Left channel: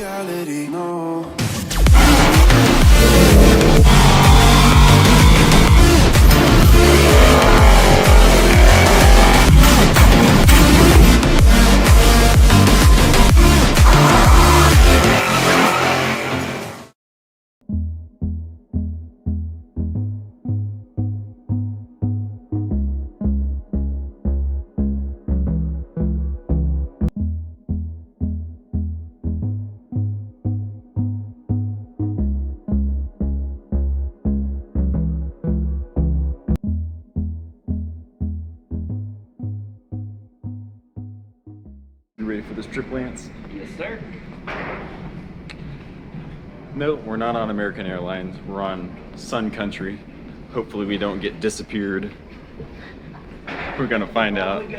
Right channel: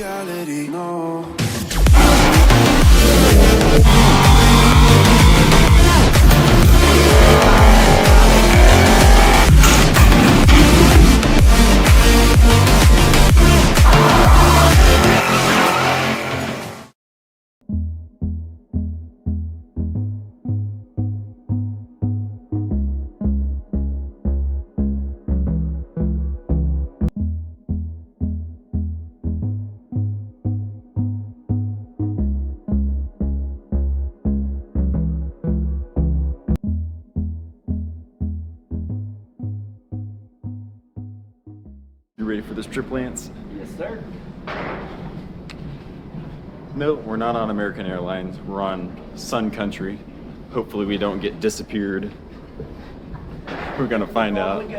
reality, no. You ready for this trip, Lance? Yes, sir. No, we're not on American Airlines. We're on Sun Country. Hopefully we don't get disappeared. We're gonna find out.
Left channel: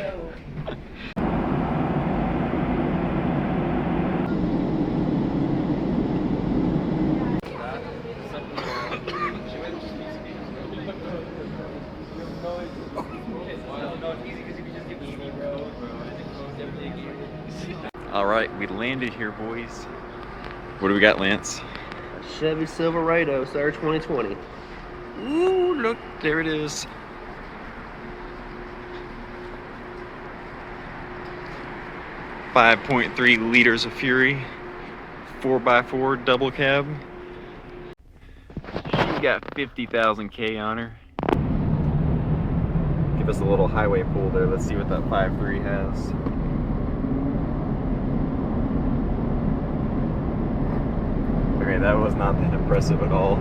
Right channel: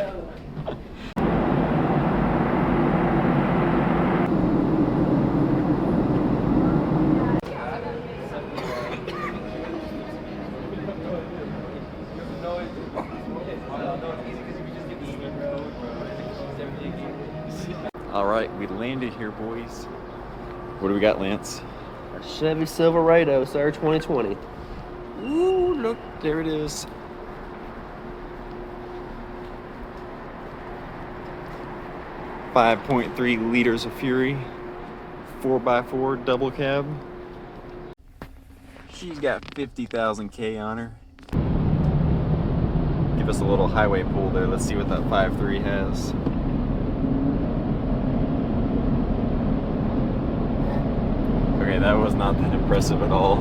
All right, we landed here, boys. What do we got, Lance? Chevy Silverado, sir, 2020. Ooh, look, there it is. .3 liters of Fury, 4x4 double cab. She got 50,000 K on her. Give us a little highway pull there. Let's see what that 5.3 has. Okay, that was not that impressive at all.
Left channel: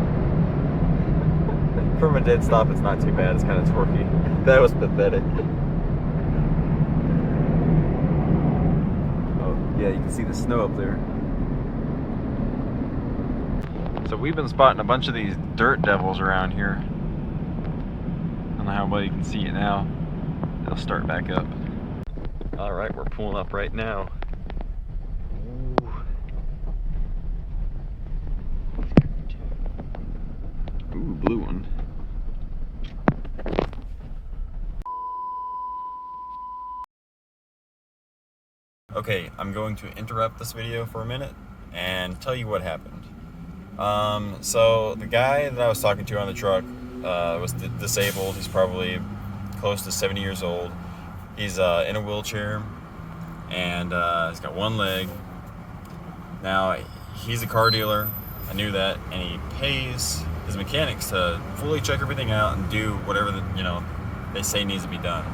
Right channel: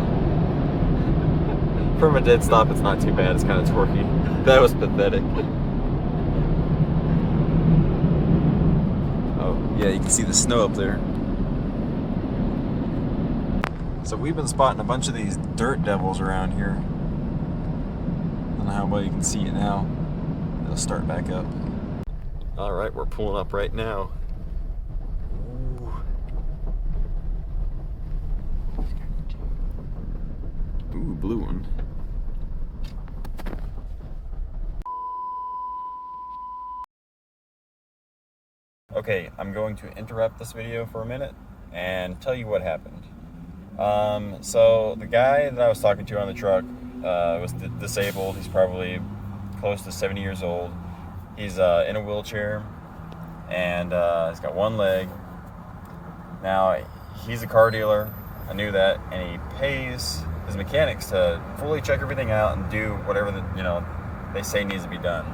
From a dead stop, it's not too bad. It's kind of torquey. That was pathetic. Oh, yeah, you can see the snow up there. So we've been spotting a bunch of these dirt devils around here. I don't know how well you can see it now. They'll start back up. All right, we're pulling up right now. Ooh, blue one. Okay, I'm going to interrupt this video for a minute and tell you what happened. So the guy that I was talking to on the truck was disabled. He's probably close to 70 years old. He's in a wheelchair and he's got one leg. Now, he's a car dealer. I knew that, and he pays his mechanics to fully check everything out and do whatever they say needs to be done.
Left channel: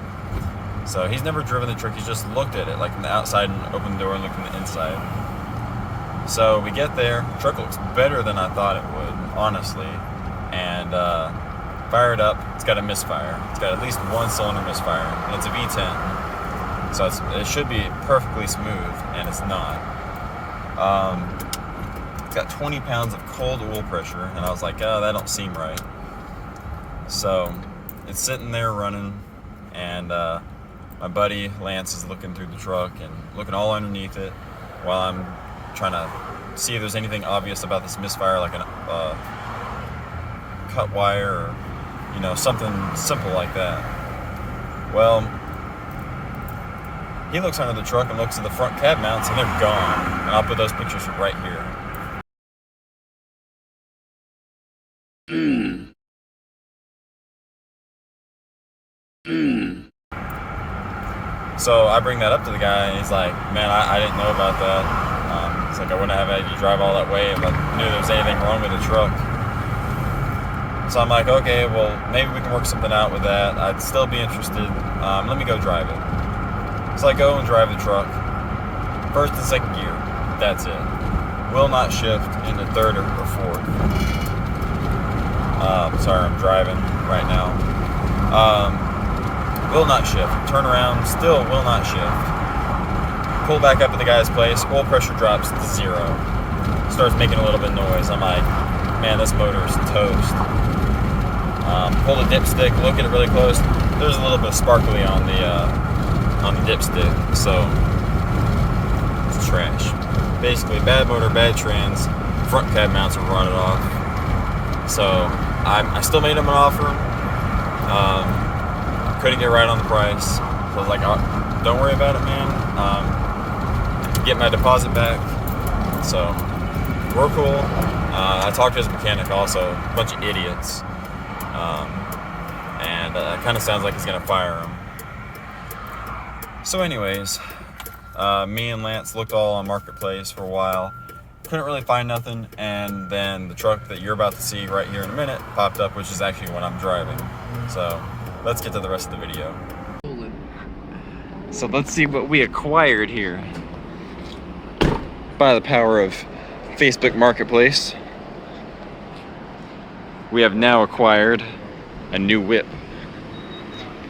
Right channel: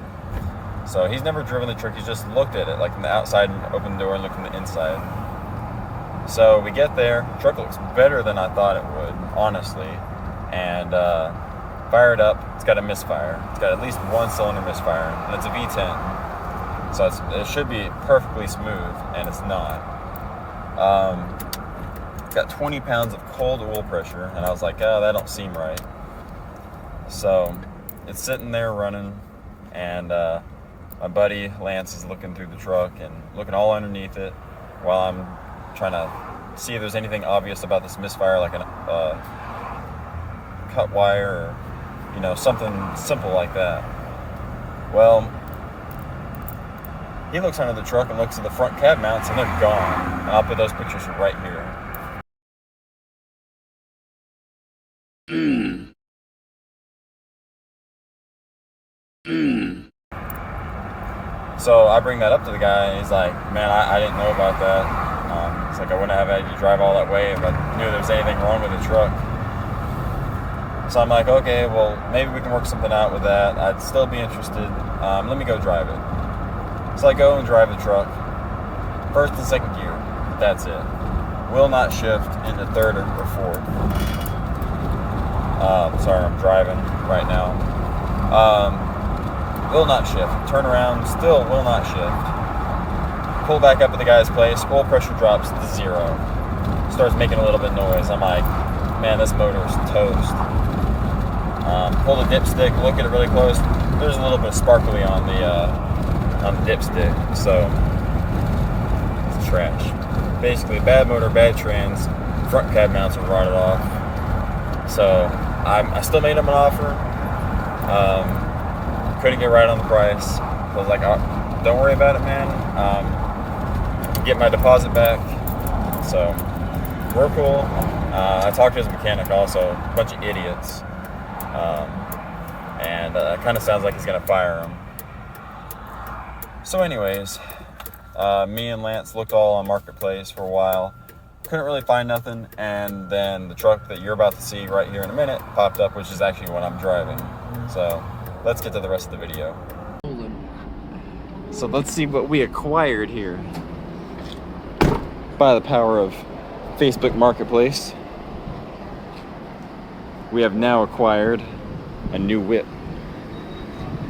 So he's never driven the truck. He's just looked at it, like from the outside, and opened the door and looked from the inside. So we get there. The truck looks better than I thought it would, honestly. And fire it up. It's got a misfire. It's got at least one cylinder misfire, and it's a V10. So it should be perfectly smooth, and it's not. It's got 20 pounds of cold oil pressure, and I was like, oh, that don't seem right. So it's sitting there running, and my buddy Lance is looking through the truck and looking all underneath it while I'm trying to see if there's anything obvious about this misfire, like a cut wire or something simple like that. Well, he looks under the truck and looks at the front cab mounts, and they're gone. And I'll put those pictures right here. So I bring that up to the guy, and he's like, man, I didn't know about that. It's like, I wouldn't have had you drive all that way if I knew there was anything wrong with the truck. So I'm like, okay, well, maybe we can work something out with that. I'd still be interested. Let me go drive it. So I go and drive the truck. First and second gear, that's it. Will not shift into third or fourth. Sorry, I'm driving right now. Will not shift. Turn around, still will not shift. Pull back up at the guy's place, oil pressure drops to 0. Starts making a little bit of noise. I'm like, man, this motor is toast. Pull the dipstick, look at it really close. There's a little bit of sparkly on the dipstick, so it's trash. Basically, bad motor, bad trans, front cab mounts are rotted off. So I still made him an offer. Couldn't get right on the price. So I was like, oh, don't worry about it, man. Get my deposit back. So we're cool. I talked to his mechanic also, a bunch of idiots. And it kind of sounds like he's gonna fire him. So anyways, me and Lance looked all on Marketplace for a while. Couldn't really find nothing, and then the truck that you're about to see right here in a minute popped up, which is actually what I'm driving. So let's get to the rest of the video. So let's see what we acquired here. By the power of Facebook Marketplace, we have now acquired a new whip.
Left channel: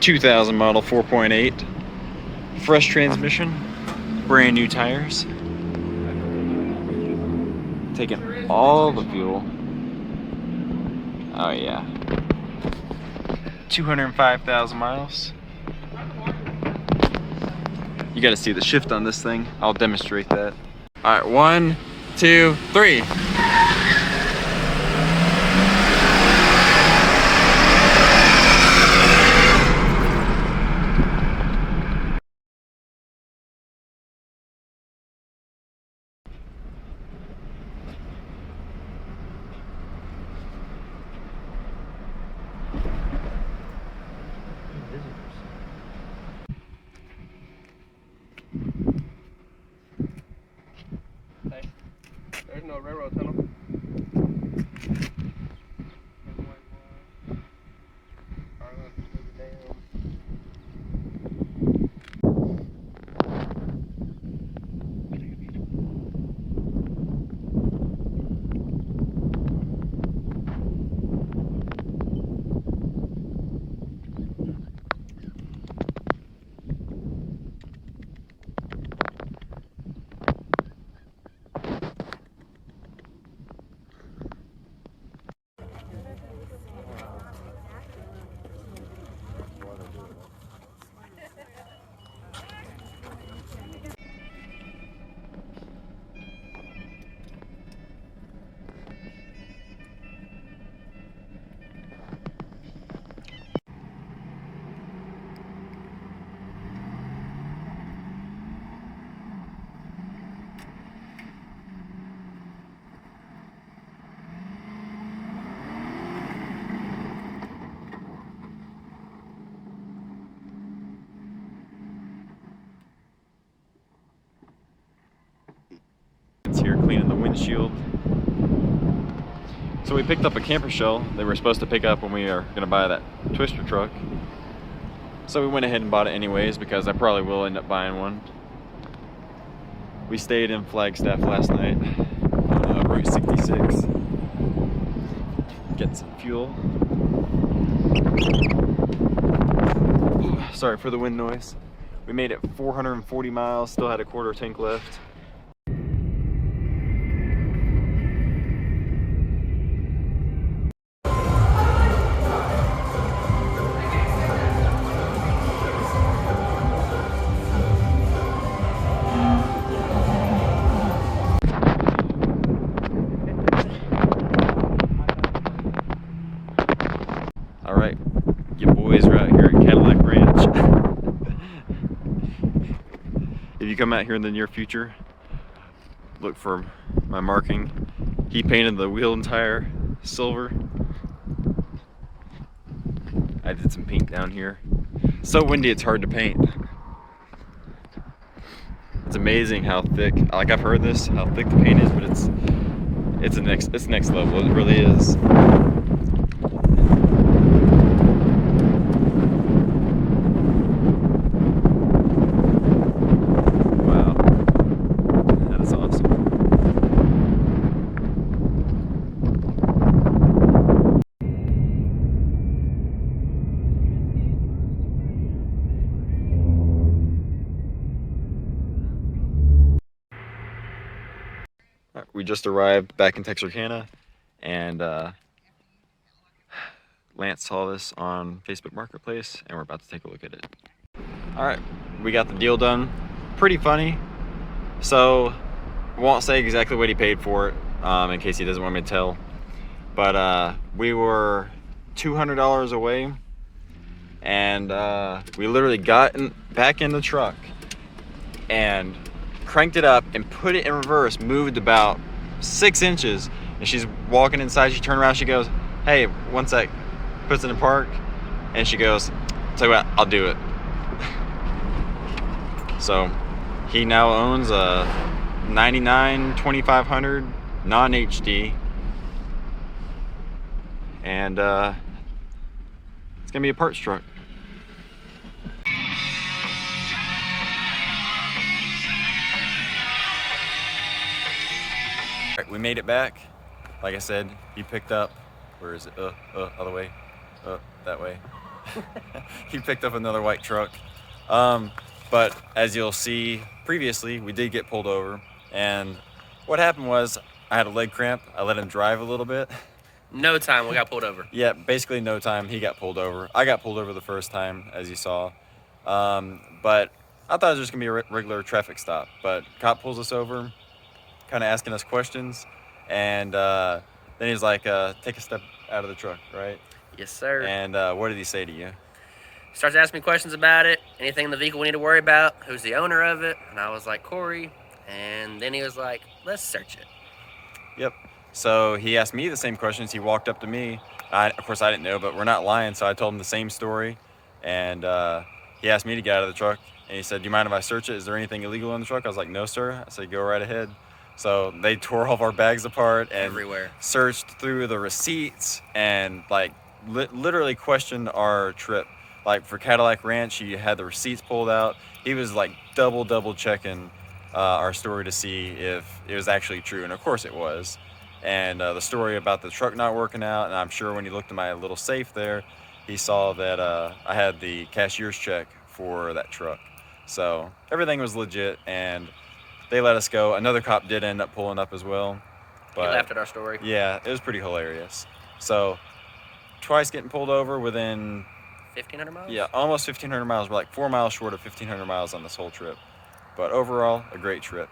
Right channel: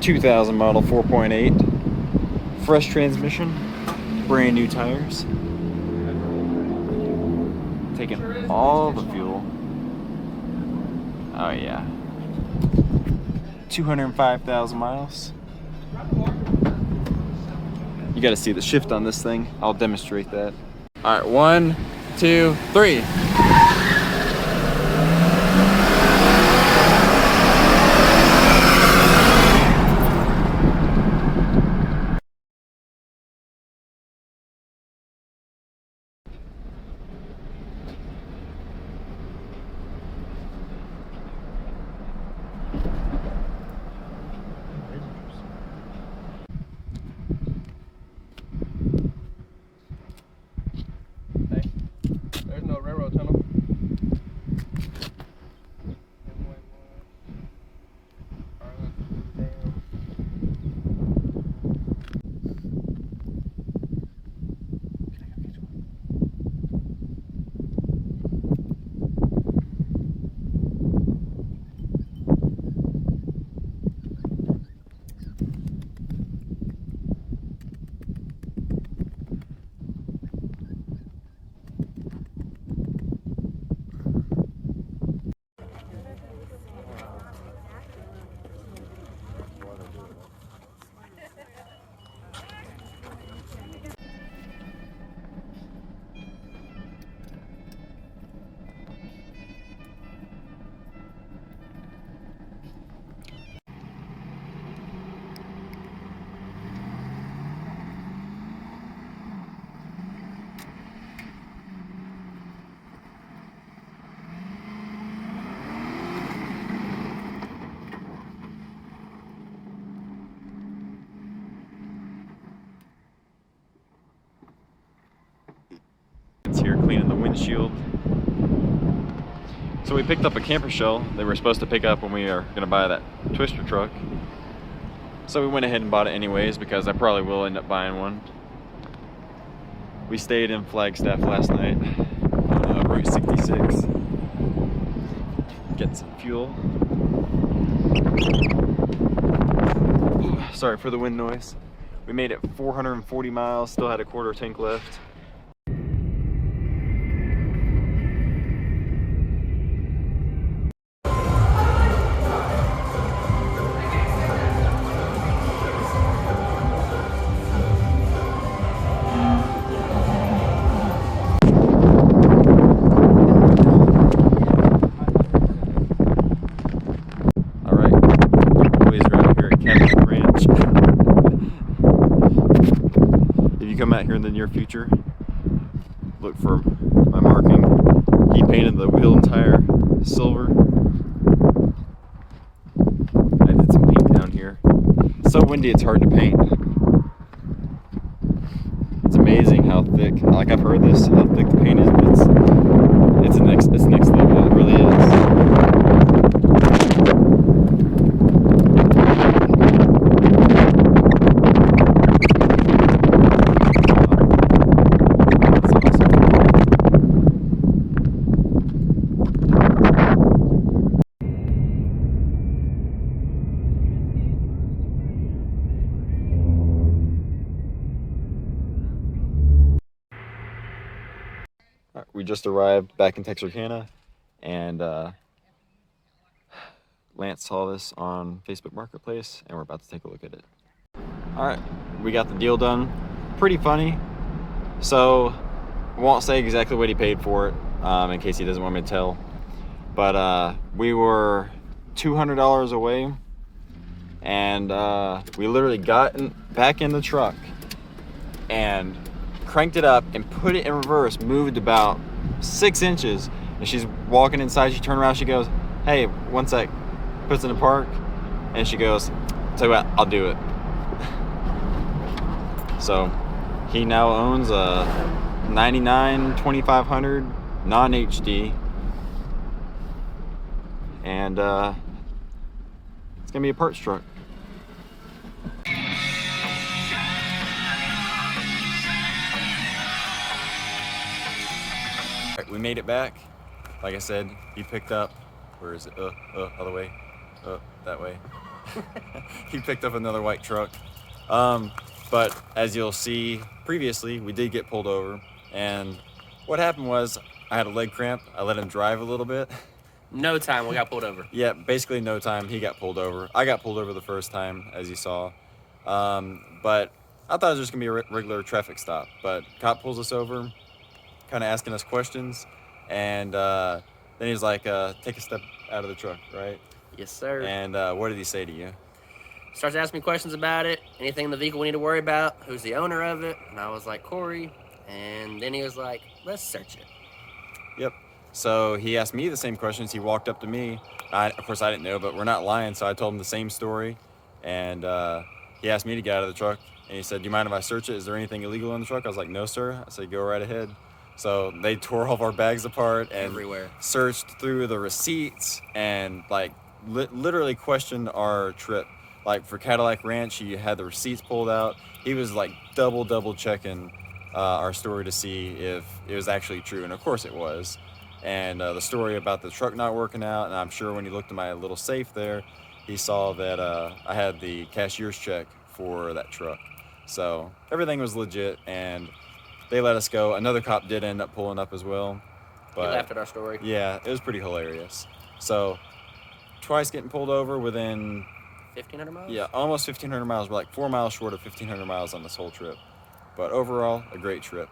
2000 model 4.8, fresh transmission, brand new tires. Taking all the fuel. Oh yeah. 205,000 miles. You gotta see the shift on this thing. I'll demonstrate that. All right, 1, 2, 3. There's no railroad tunnel. It's here cleaning the windshield. So we picked up a camper shell they were supposed to pick up when we are gonna buy that twister truck. So we went ahead and bought it anyways because I probably will end up buying one. We stayed in Flagstaff last night on Route 66. Getting some fuel. Ooh, sorry for the wind noise. We made it 440 miles, still had a quarter tank left. If you come out here in the near future, look for my marking. He painted the wheel and tire silver. I did some paint down here. It's so windy it's hard to paint. It's amazing how thick, like I've heard this, how thick the paint is, but it's next level, it really is. We just arrived back in Texarkana, and Lance saw this on Facebook Marketplace, and we're about to take a look at it. All right, we got the deal done. Pretty funny. So, I won't say exactly what he paid for it, in case he doesn't want me to tell. But we were $200 away, and we literally got back in the truck, and cranked it up and put it in reverse, moved about 6 inches, and she's walking inside. She turned around, she goes, "Hey, one sec," puts it in park, and she goes, "Tell you what, I'll do it." So he now owns a 99 2500 non-HD, and it's gonna be a parts truck. Alright, we made it back. Like I said, he picked up, where is it? Other way, that way. He picked up another white truck. But as you'll see previously, we did get pulled over, and what happened was I had a leg cramp. I let him drive a little bit. No time we got pulled over. Yeah, basically no time. He got pulled over. I got pulled over the first time, as you saw. But I thought it was just gonna be a regular traffic stop. But cop pulls us over, kind of asking us questions, and then he's like, "Take a step out of the truck," right? Yes, sir. And what did he say to you? Starts asking me questions about it, anything in the vehicle we need to worry about, who's the owner of it, and I was like, Corey, and then he was like, let's search it. Yep. So he asked me the same questions. He walked up to me. Of course, I didn't know, but we're not lying, so I told him the same story. And he asked me to get out of the truck, and he said, "Do you mind if I search it? Is there anything illegal in the truck?" I was like, "No, sir." I said, "Go right ahead." So they tore all of our bags apart and Everywhere. searched through the receipts and like literally questioned our trip. Like for Cadillac Ranch, he had the receipts pulled out. He was like double checking our story to see if it was actually true, and of course it was. And the story about the truck not working out, and I'm sure when he looked in my little safe there, he saw that I had the cashier's check for that truck. So everything was legit, and they let us go. Another cop did end up pulling up as well. But He laughed at our story. yeah, it was pretty hilarious. So twice getting pulled over within 1,500 miles? yeah, almost 1,500 miles. We're like 4 miles short of 1,500 miles on this whole trip. But overall, a great trip.